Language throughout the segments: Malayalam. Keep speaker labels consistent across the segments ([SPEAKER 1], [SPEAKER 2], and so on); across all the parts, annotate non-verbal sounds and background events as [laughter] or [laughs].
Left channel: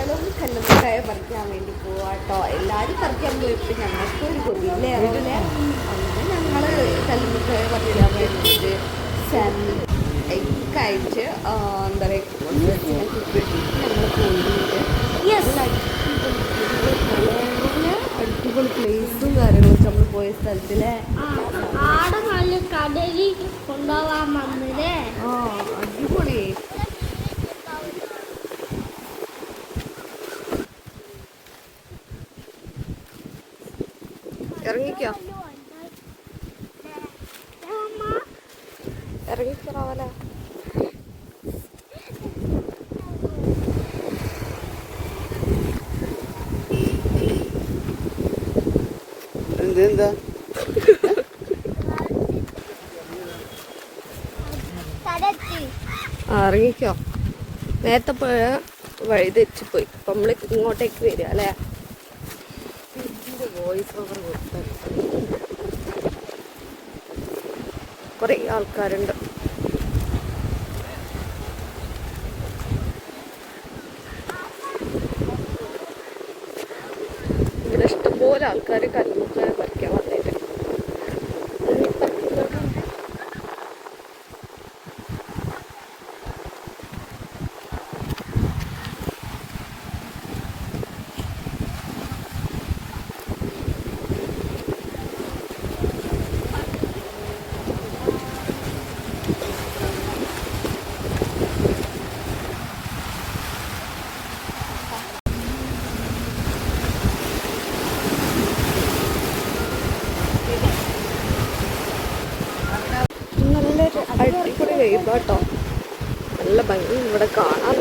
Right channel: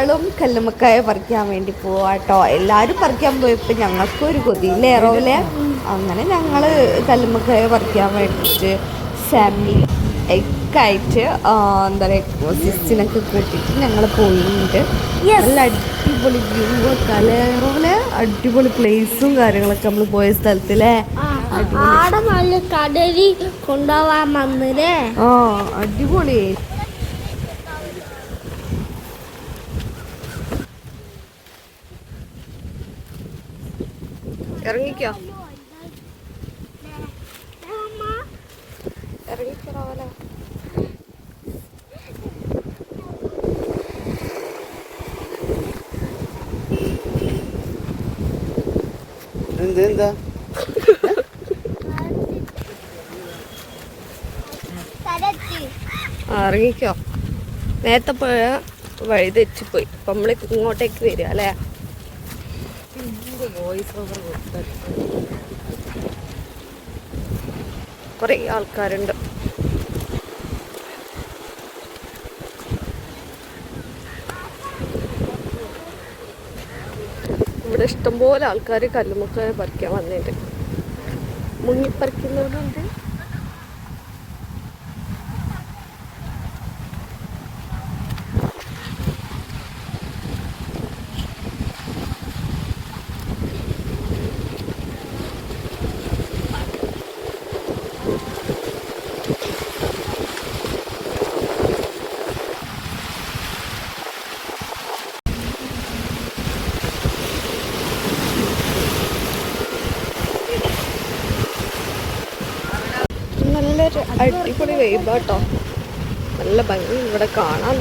[SPEAKER 1] ഞങ്ങളും കല്ലുമുക്കായ പറിക്കാൻ വേണ്ടി പോവാട്ടോ എല്ലാവരും പറിക്കാൻ പോയപ്പോൾ ഞങ്ങൾക്കും ഒരു കൊതിയില്ലേ റോവിലെ അങ്ങനെ ഞങ്ങൾ കല്ലുമുക്കായ പറിക്കാൻ വേണ്ടിയിട്ട് ഫാമിലി എക്കായിട്ട് എന്താ പറയുക സിസ്റ്റിനൊക്കെ കിട്ടിയിട്ട് ഞങ്ങൾ പോയിട്ടുണ്ട്. നല്ല അടിപൊളി വ്യൂ കലറൂലെ അടിപൊളി പ്ലേസും കാര്യങ്ങളൊക്കെ നമ്മൾ പോയ സ്ഥലത്തിലെ?
[SPEAKER 2] ആടെ നല്ല കടലിൽ കൊണ്ടുപോവാൻ വന്നില്ലേ
[SPEAKER 1] ആ അടിപൊളി. ഇറങ്ങിക്കോ. ഇറങ്ങിക്കോളാവല
[SPEAKER 3] എന്ത് എന്താ?
[SPEAKER 1] ഇറങ്ങിക്കോ. നേരത്തെ പോയ വഴി തെറ്റിപ്പോയി. അപ്പം നമ്മൾ ഇങ്ങോട്ടേക്ക് വരിക അല്ലേ? വോയിസ് ഓവർ കുറേ ആൾക്കാരുണ്ട്. ഇവിടെ ഇഷ്ടംപോലെ ആൾക്കാർ കല്ലുമുട്ടായ പറിക്കാൻ വന്നിട്ട് മുങ്ങിപ്പറിക്കുന്നവരുണ്ട്. നല്ലൊരു അടിപൊളി വൈബാട്ടോ നല്ല ഭംഗി ഇവിടെ കാണാൻ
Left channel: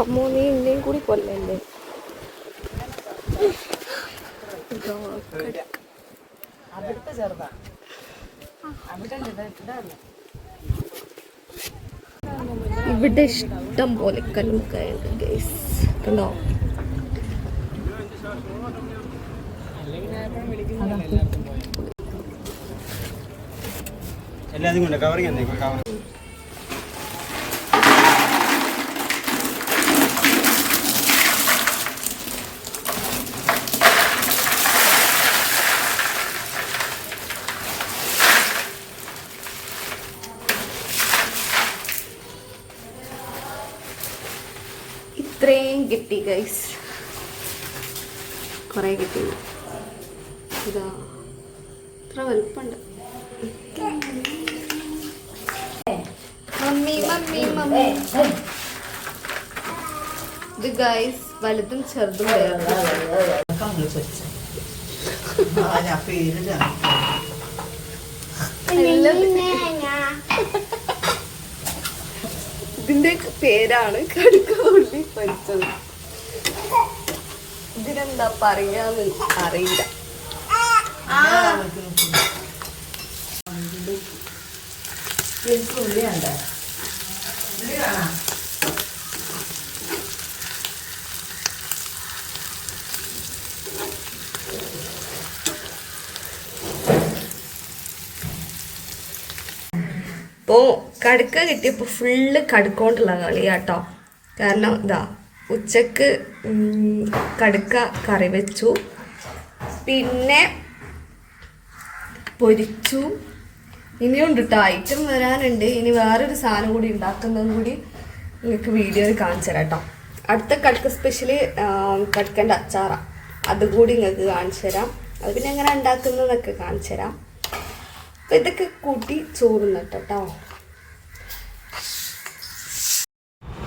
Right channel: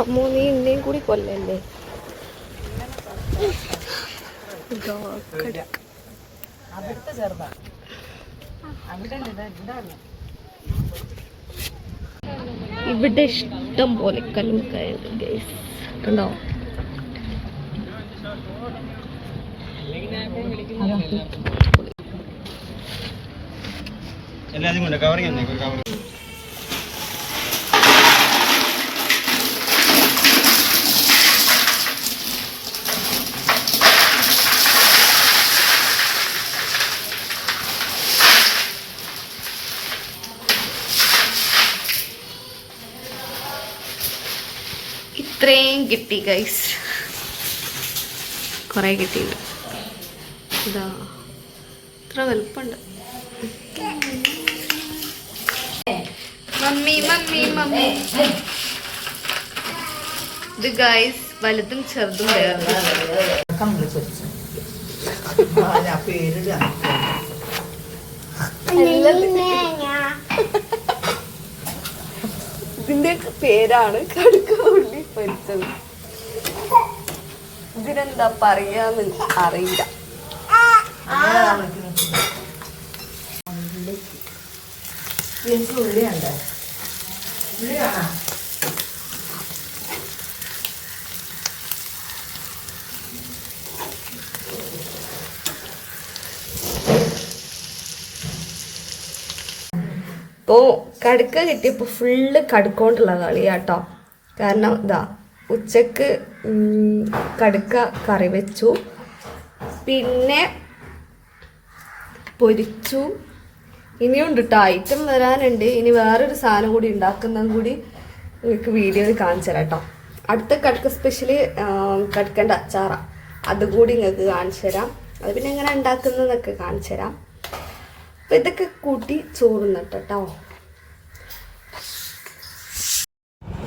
[SPEAKER 1] അമ്മോ നീ എന്നെയും കൂടി കൊല്ലല്ലേ. ഇവിടെ ഇഷ്ടം പോലെ കല്ലുമുക്കായുണ്ട് ഗൈസ് കണ്ടോ?
[SPEAKER 3] എല്ലാതും കൊണ്ട് കവർ ചെയ്യുന്നേ കവർ
[SPEAKER 1] ഇത്രയും കിട്ടി ഗൈസ് കുറേ കിട്ടിയില്ല. ഇതാ. ഇത്ര വലുപ്പമുണ്ട്. Mummy mummy mummy. ഇത് ഗൈസ് വലുതും ചെറുതും [laughs] ഇതിന്റെ പേരാണ് കടുക്ക ഉള്ളി പൊരിച്ചത്. ഇതിനെന്താ പറയാന്ന് അറിയില്ല. ഇപ്പോ കടുക്ക കിട്ടിയപ്പോൾ ഫുള്ള് കടുക്കോണ്ടുള്ള കളിയാട്ടോ. കാരണം ഇതാ ഉച്ചയ്ക്ക് കടുക്ക കറി വെച്ചു. പിന്നെ പൊരിച്ചു. ഇനിയുണ്ട് കേട്ടോ ഐറ്റം വരാനുണ്ട്. ഇനി വേറൊരു സാധനം കൂടി ഉണ്ടാക്കുന്നതും കൂടി നിങ്ങൾക്ക് വീഡിയോയിൽ കാണിച്ചു തരാം കേട്ടോ. അടുത്ത കടുക്ക സ്പെഷ്യൽ കടുക്കേണ്ട അച്ചാറ. അതുകൂടി നിങ്ങൾക്ക് കാണിച്ചു തരാം. അത് പിന്നെ എങ്ങനെ ഉണ്ടാക്കുന്നതൊക്കെ കാണിച്ചു തരാം. അപ്പം ഇതൊക്കെ കൂട്ടി ചോറുന്നിട്ടോ കേട്ടോ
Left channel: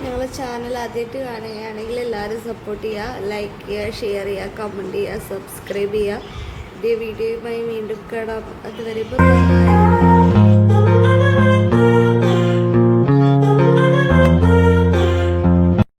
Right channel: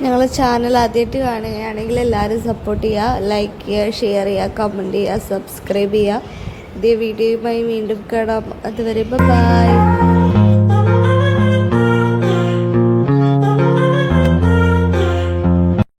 [SPEAKER 1] ഞങ്ങളെ ചാനൽ ആദ്യമായിട്ട് കാണുകയാണെങ്കിൽ എല്ലാവരും സപ്പോർട്ട് ചെയ്യുക ലൈക്ക് ചെയ്യുക ഷെയർ ചെയ്യുക കമന്റ് ചെയ്യുക സബ്സ്ക്രൈബ് ചെയ്യുക. ഇതേ വീഡിയോയുമായി വീണ്ടും കാണാം. അതുവരെ ബൈ